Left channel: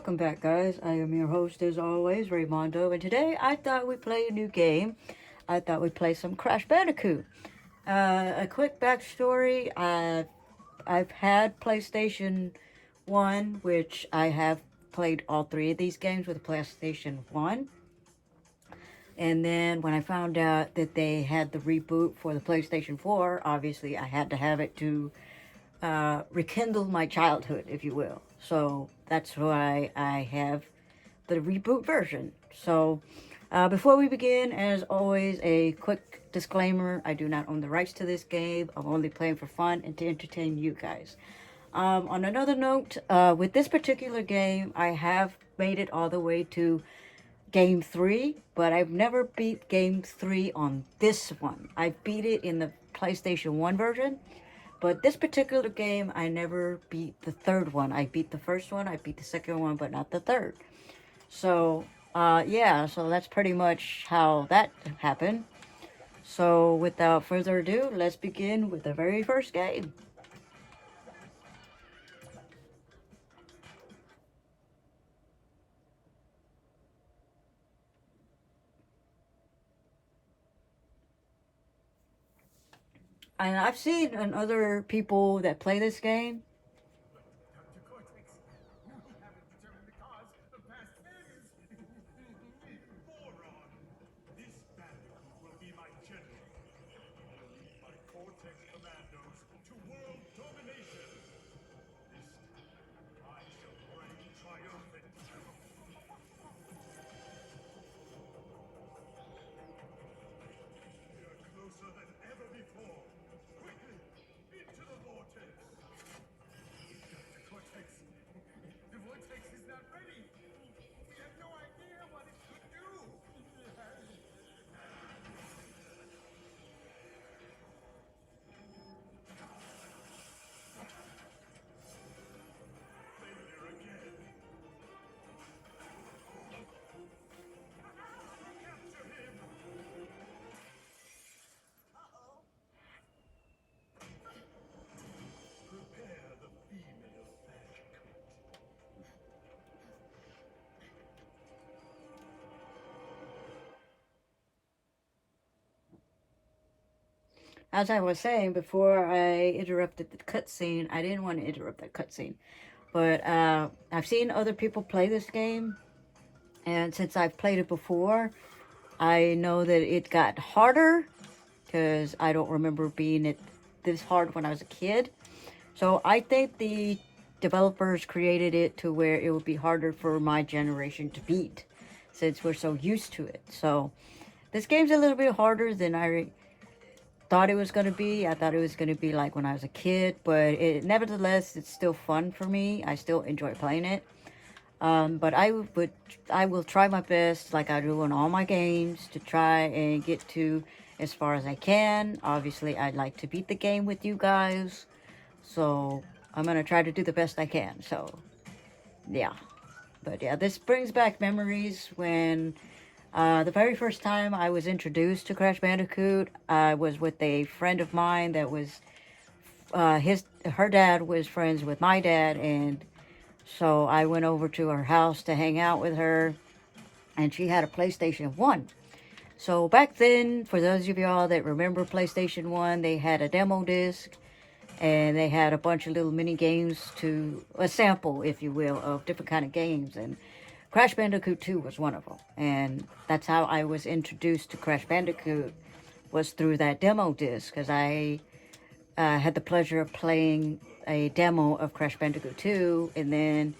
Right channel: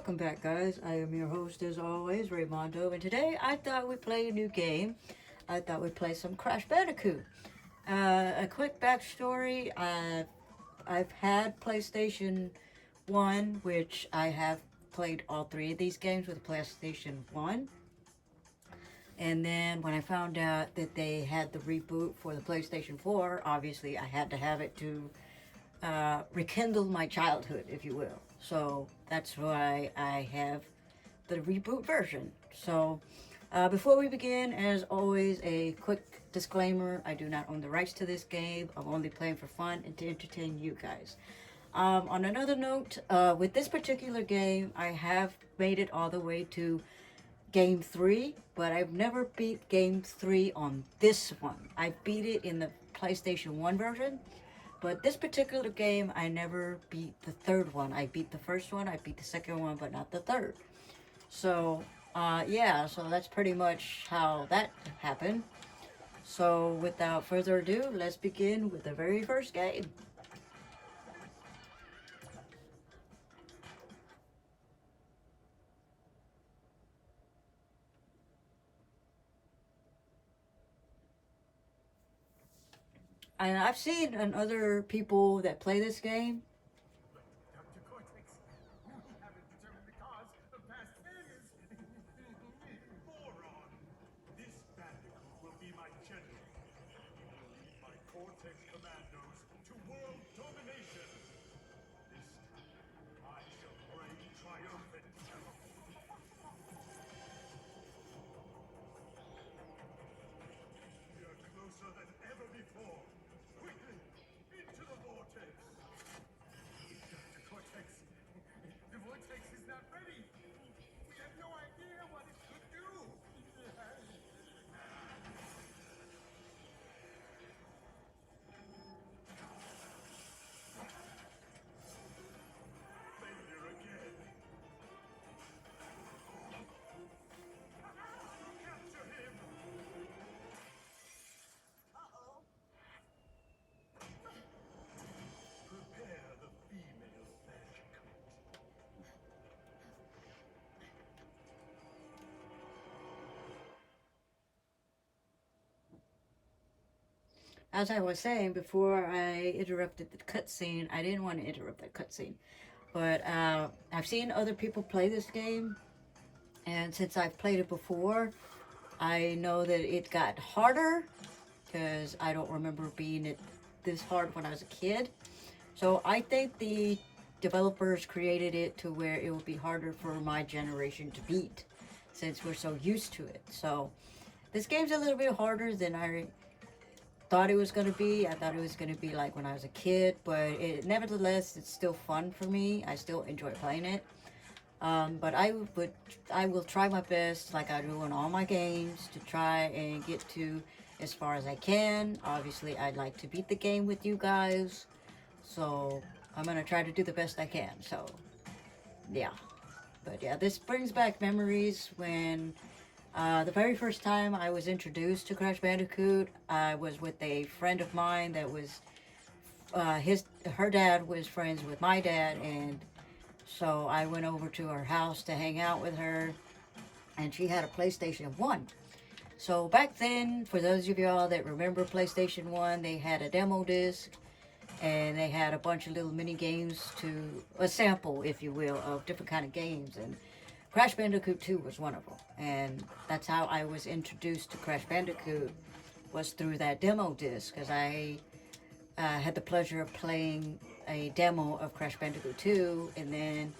welcome back, guys. I am your host, as always, Raymondo, and today I thought we'd play a new game. I thought we'd play some Crash Bandicoot. A quick backstory: I've had PlayStation One, which I have played all three of these games with PlayStation One. And then when I found out that they had the reboot for the PlayStation 4, obviously I had to have it to rekindle my childhood, if you will. So that's why I have the reboot version. So before we begin, as always, a quick disclaimer: I do not own the rights to this game. I'm only playing for fun and to entertain you guys. On another note, with this particular game, I have made it all the way to game 3, but I've never beat game 3 on this one. I beat it in the PlayStation 1 version, but this particular game, I never beat the third one. I beat the first one, I beat the second one, but not the third. So, yeah, so that's pretty much how that happened. So, without further ado, let's begin with the very first game. And I've seen other people that play this game. Dr. Cortex, we haven't determined the cause of past failures. Moron! This Bandicoot will be my general. He will lead my Cortex commandos to world domination. This time, I shall reign triumphant. We are closer than ever before. Quickly, into the vortex. Dr. Cortex, the vortex is not ready. We have no idea what it could do. Failure again. Capture him. Prepare the female Bandicoot. As I was saying before I interrupted the cutscene, I didn't want to interrupt that cutscene. But I've seen other people play this game, and since I've played it before, I know that it got harder because I don't remember being it this hard when I was a kid. So I think the developers created it to where it would be harder for my generation to beat since we're so used to it. So this game's a little bit harder than I thought it was going to be. I thought it was going to be like when I was a kid, but nevertheless, it's still fun for me. I still enjoy playing it. But I will try my best, like I do in all my games, to try and get to as far as I can. Obviously, I'd like to beat the game with you guys, so I'm gonna try to do the best I can. So, yeah. But yeah, this brings back memories when the very first time I was introduced to Crash Bandicoot, I was with a friend of mine that was her dad was friends with my dad, and so I went over to her house to hang out with her, and she had a PlayStation 1. So back then, for those of y'all that remember PlayStation 1, they had a demo disc, and they had a bunch of little mini games, to a sample, if you will, of different kind of games, and Crash Bandicoot 2 was one of them. And that's how I was introduced to Crash Bandicoot, was through that demo disc, because I had the pleasure of playing a demo of Crash Bandicoot 2, and then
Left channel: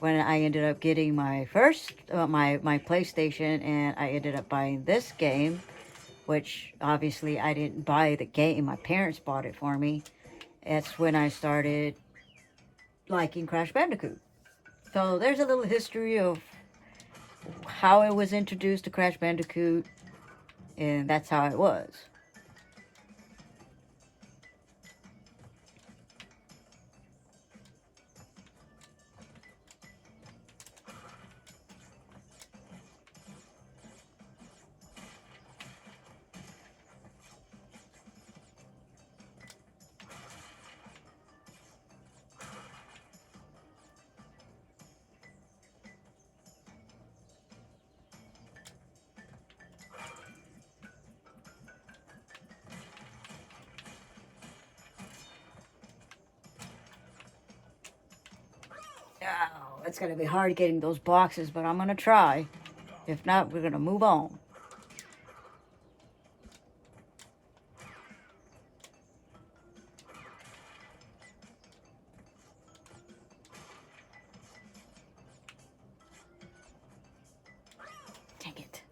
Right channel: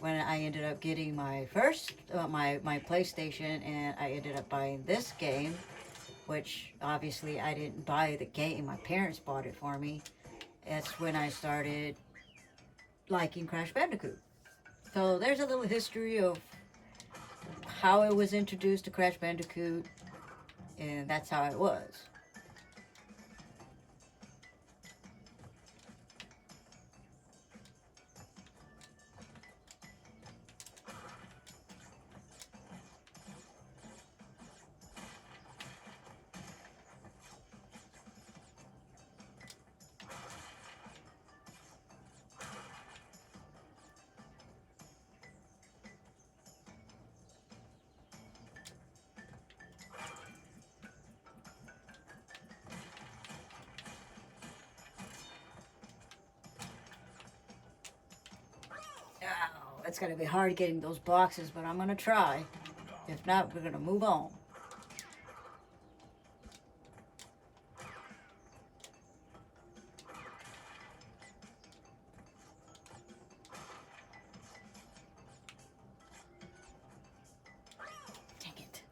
when I ended up getting my first, my PlayStation, and I ended up buying this game, which obviously I didn't buy the game, my parents bought it for me. That's when I started liking Crash Bandicoot. So there's a little history of how it was introduced to Crash Bandicoot, and that's how it was. Oh, it's going to be hard getting those boxes, but I'm going to try. If not, we're going to move on. Dang it.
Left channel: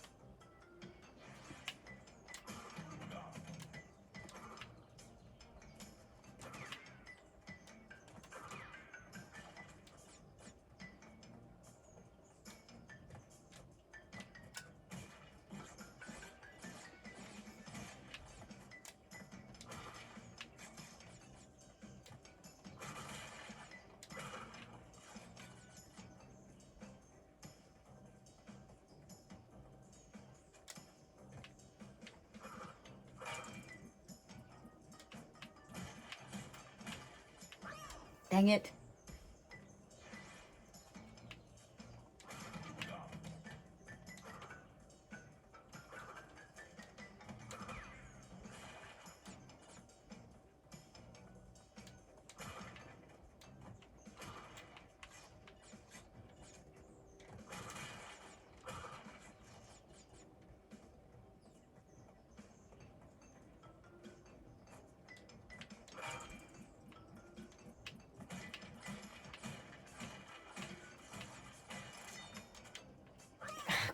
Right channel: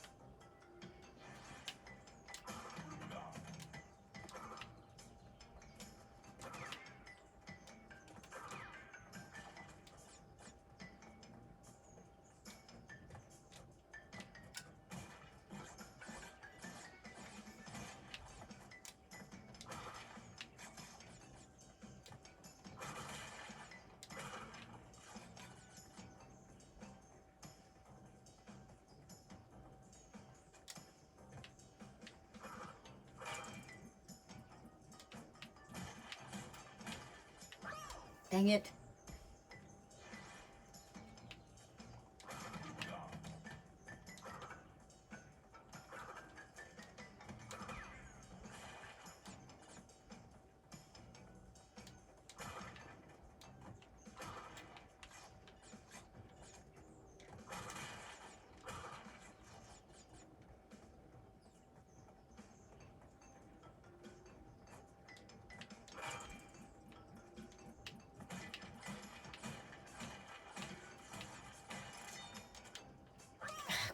Dang it.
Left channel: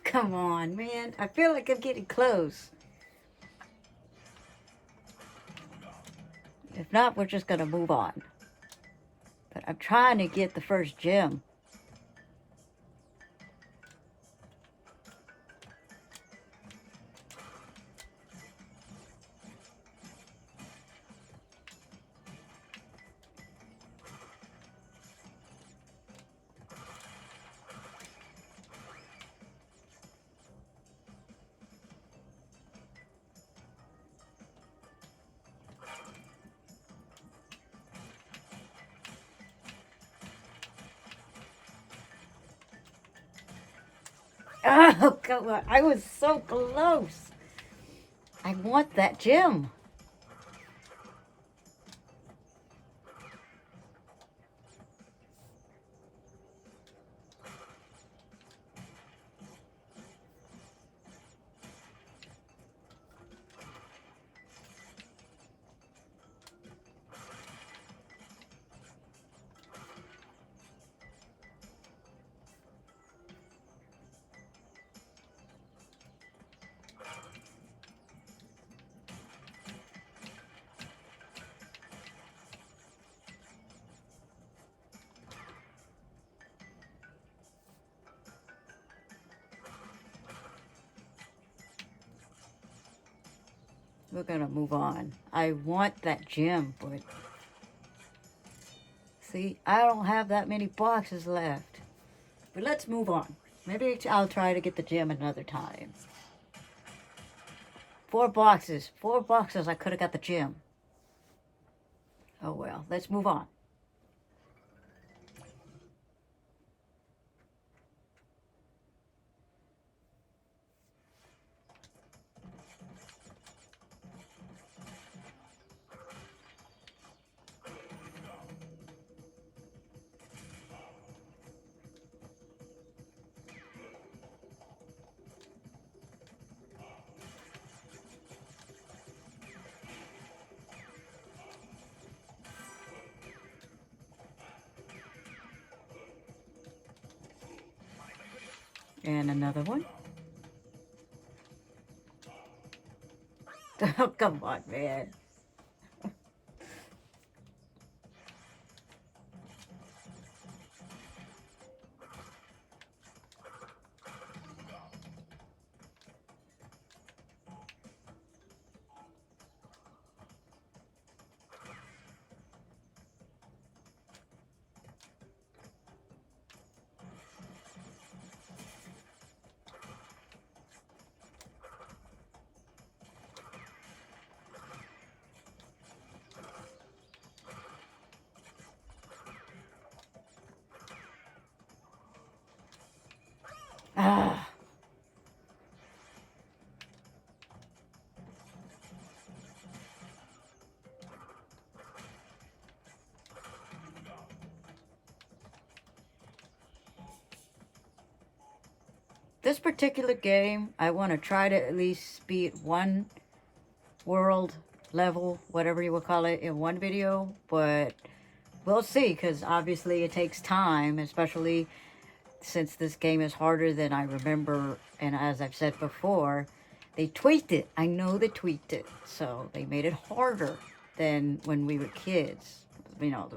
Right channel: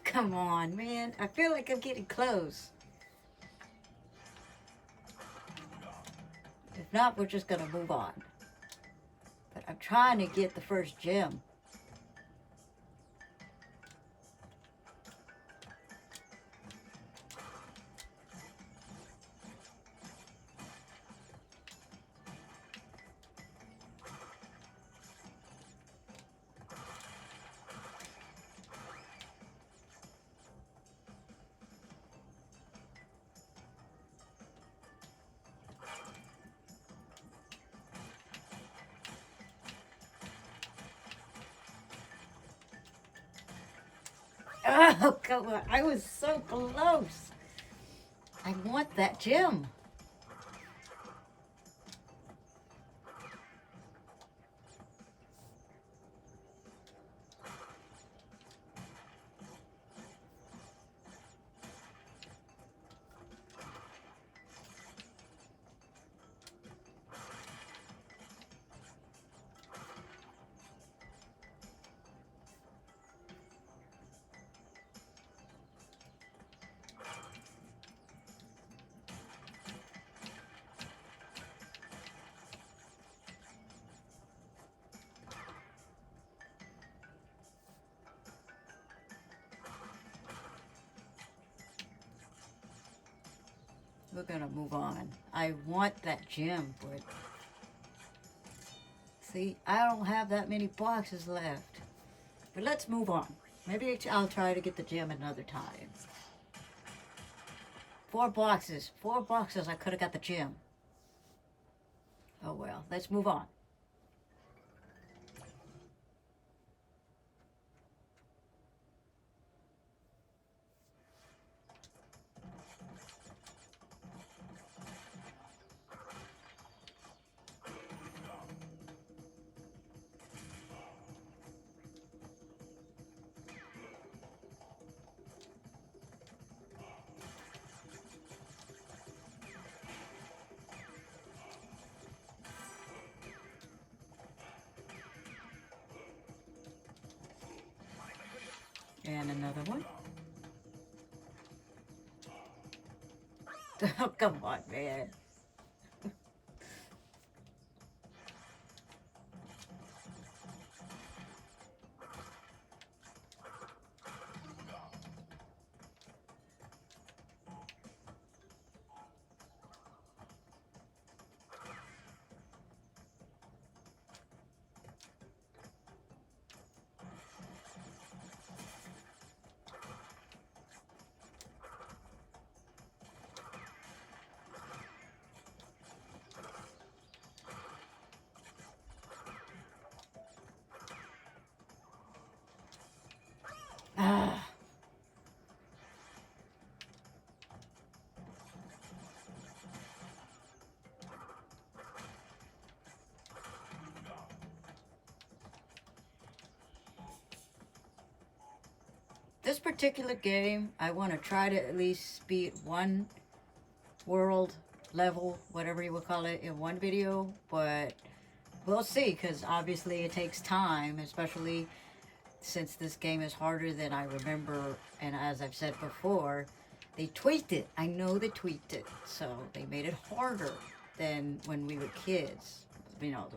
Come on, man. I feel like I'm getting close. If not, we're just going to move on. But I'm trying to get the first gem. Oh, come on. I was so close. I want that gem. We're gonna move on. I want that gem, but see, I don't have that many boxes left. But let's move on. Maybe I'll try to get the gem another time. 4 boxes. 4 boxes, I could have got the gem. Oh well, let's move on. And another one. Oh, come on, man. This particular game, I want to try to at least beat one world level, whatever you will call it, in one video, but we'll see, because obviously it takes time, especially since this game is harder than I remember, and as I've said before, they tweaked it. I know they tweaked it, so they made it harder than when we were kids. You know,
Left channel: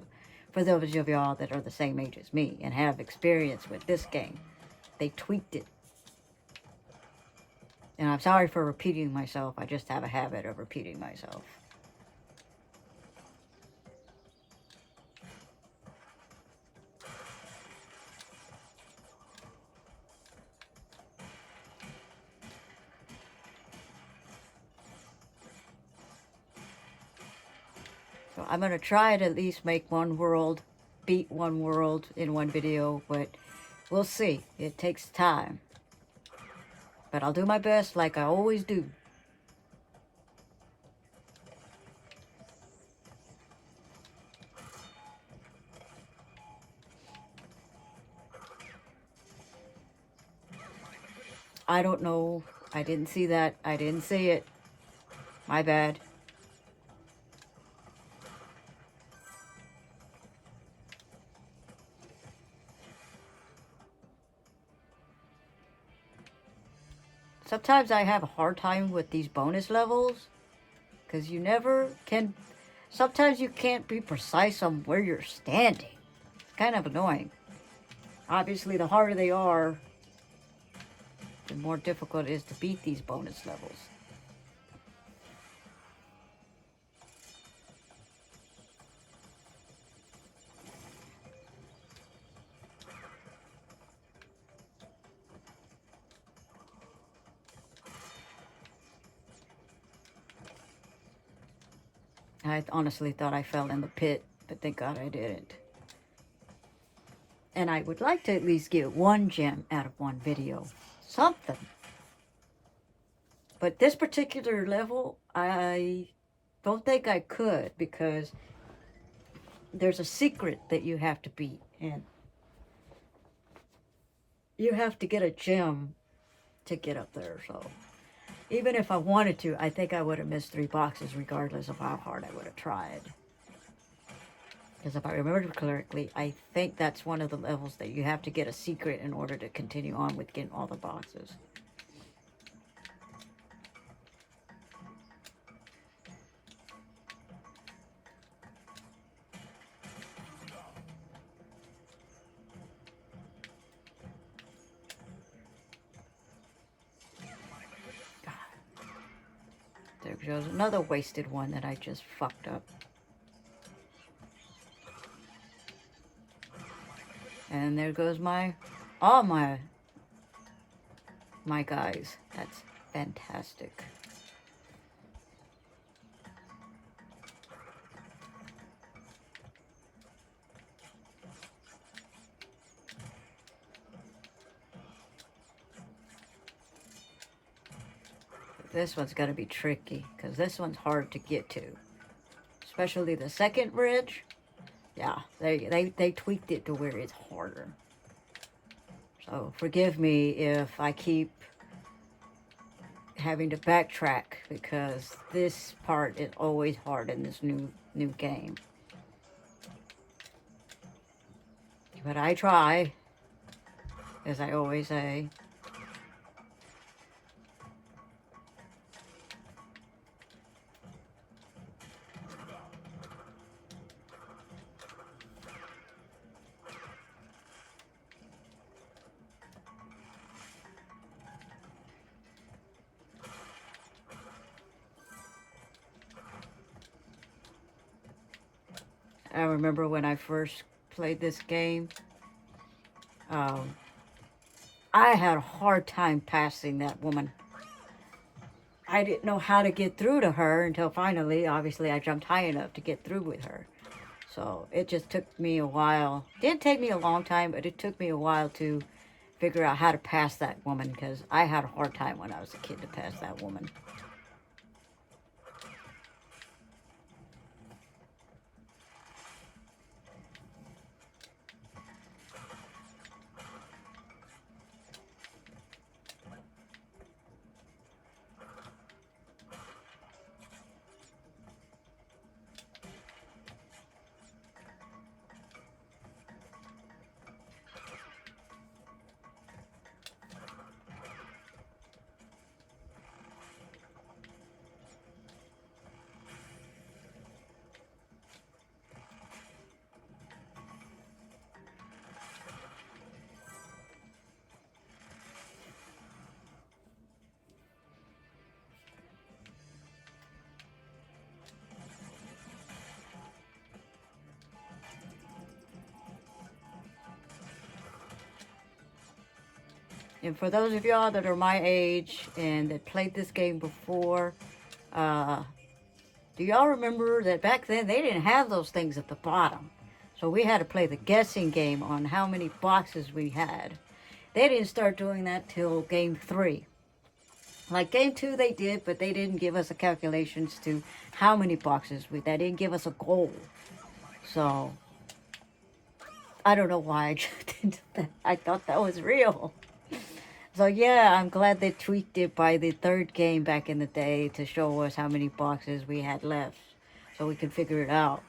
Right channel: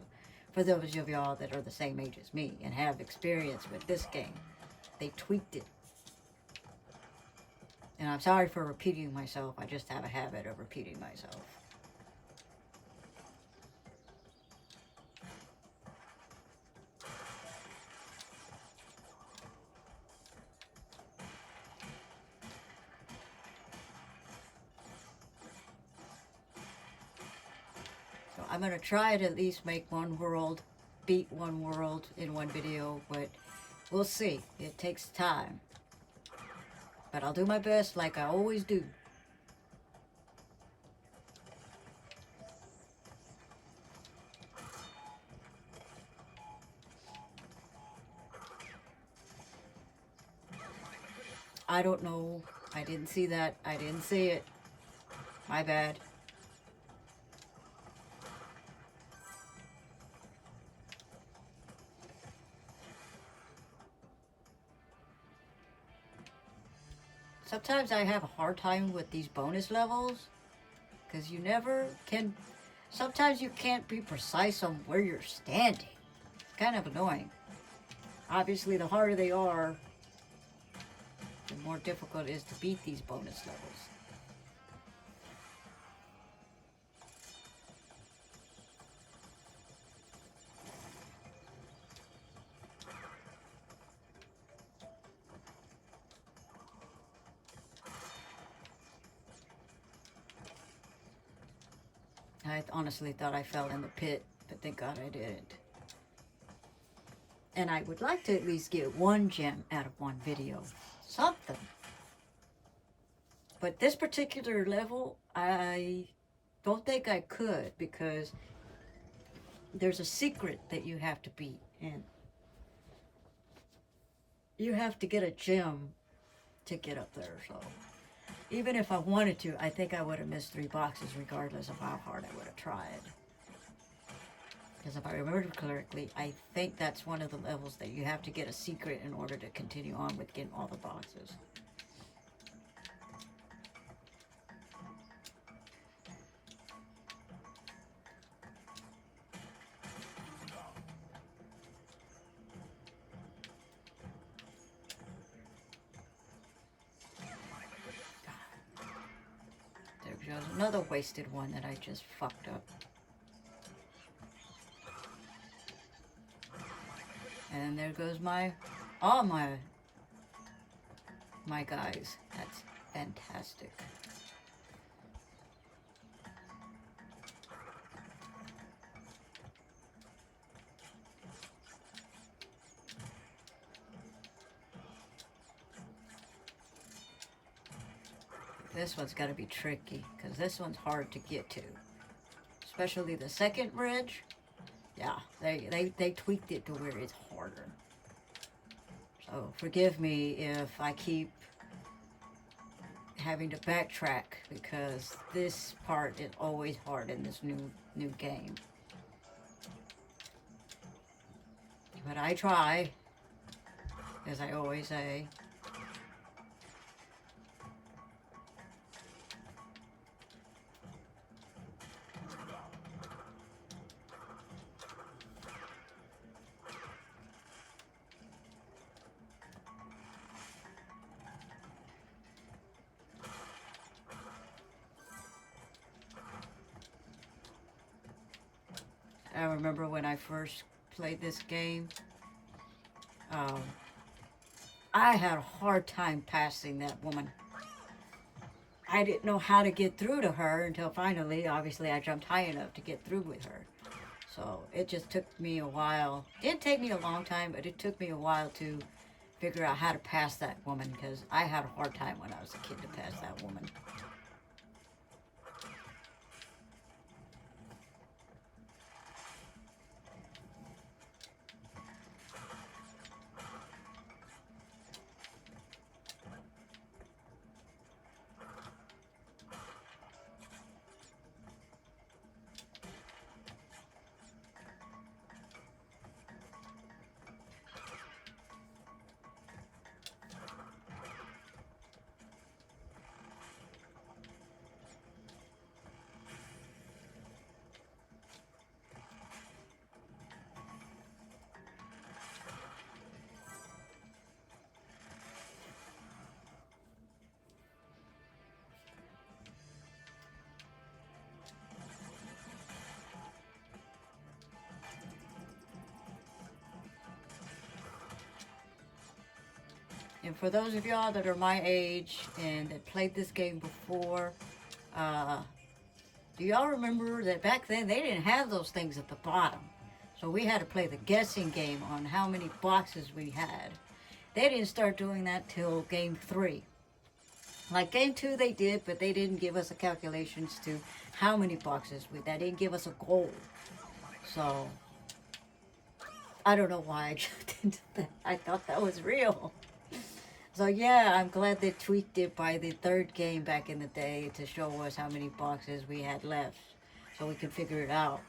for those of y'all that are the same age as me and have experience with this game, they tweaked it. And I'm sorry for repeating myself. I just have a habit of repeating myself. So I'm going to try to at least make one world, beat one world in one video, but we'll see. It takes time. But I'll do my best like I always do. I don't know. I didn't see that. I didn't see it. My bad. Sometimes I have a hard time with these bonus levels, because you never can, sometimes you can't be precise on where you're standing. It's kind of annoying. Obviously, the harder they are, the more difficult it is to beat these bonus levels. I honestly thought I fell in the pit, but thank God I didn't. And I would like to at least get one gem out of one video. Something. But this particular level, I don't think I could, because there's a secret that you have to beat. And you have to get a gem to get up there, so even if I wanted to, I think I would have missed 3 boxes regardless of how hard I would have tried. Because if I remember correctly, I think that's one of the levels that you have to get a secret in order to continue on with getting all the boxes. There goes another wasted one that I just fucked up. And there goes all my guys. That's fantastic. This one's going to be tricky, because this one's hard to get to. Especially the second bridge. Yeah, they tweaked it to where it's harder. So forgive me if I keep having to backtrack, because this part is always hard in this new game. But I try, as I always say. I remember when I first played this game, I had a hard time passing that woman. I didn't know how to get through to her until finally, obviously, I jumped high enough to get through with her. So it just took me a while. It didn't take me a long time, but it took me a while to figure out how to pass that woman, because I had a hard time when I was a kid to pass that woman. And for those of y'all that are my age and that played this game before, do y'all remember that back then they didn't have those things at the bottom? So we had to play the guessing game on how many boxes we had. They didn't start doing that till game 3. Like game 2 they did, but they didn't give us the calculations to how many boxes we, they didn't give us a goal. So I don't know why I did that. I thought that was real. So yeah, I'm glad they tweaked it by the 3rd game back in the day to show us how many boxes we had left, so we could figure it out.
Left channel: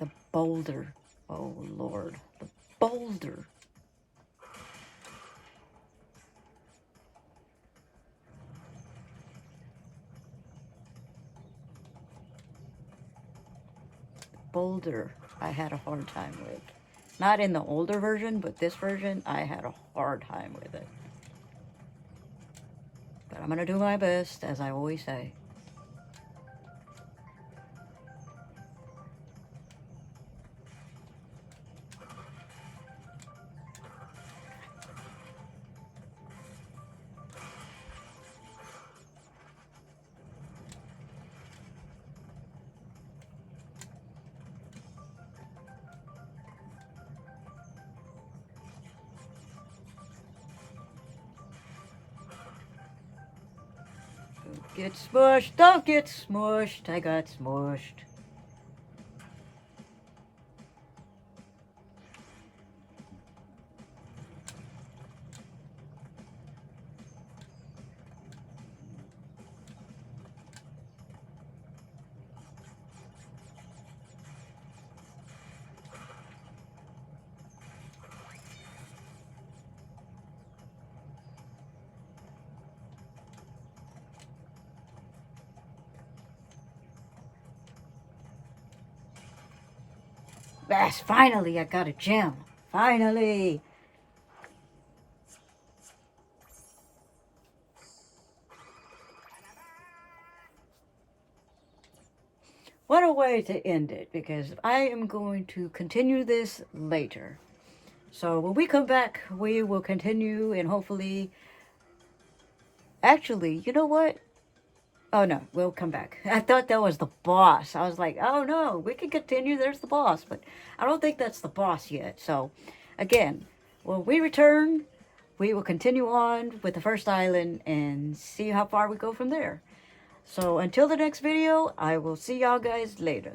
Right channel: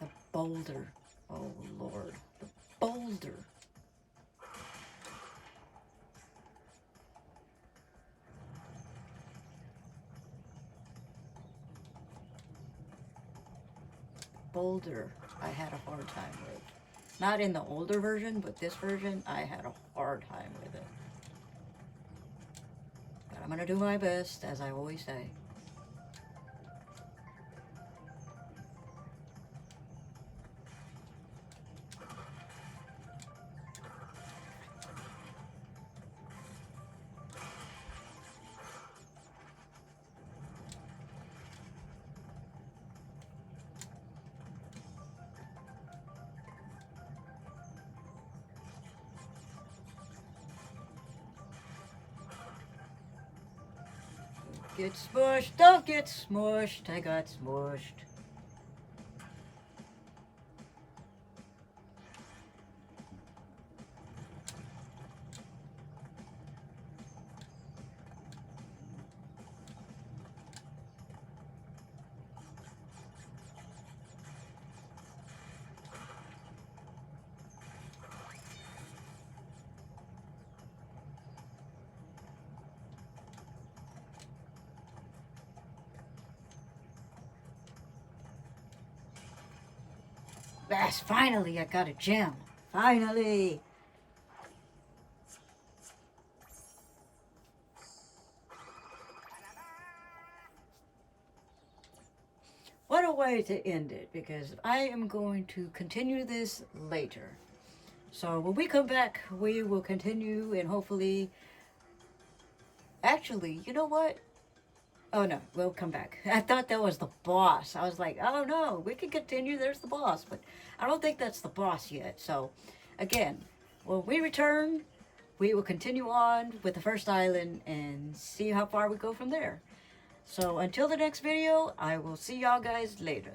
The boulder. Oh Lord, the boulder. Boulder, I had a hard time with. Not in the older version, but this version, I had a hard time with it. But I'm gonna do my best, as I always say. Get smushed, don't get smushed. I got smushed. Yes, finally I got a gem. Finally. What a way to end it, because I am going to continue this later. So when we come back, we will continue and hopefully... Actually, you know what? Oh no, we'll come back. I thought that was the boss. I was like, oh no, we can continue. There's the boss. But I don't think that's the boss yet. So again, when we return, we will continue on with the first island and see how far we go from there. So until the next video, I will see y'all guys later.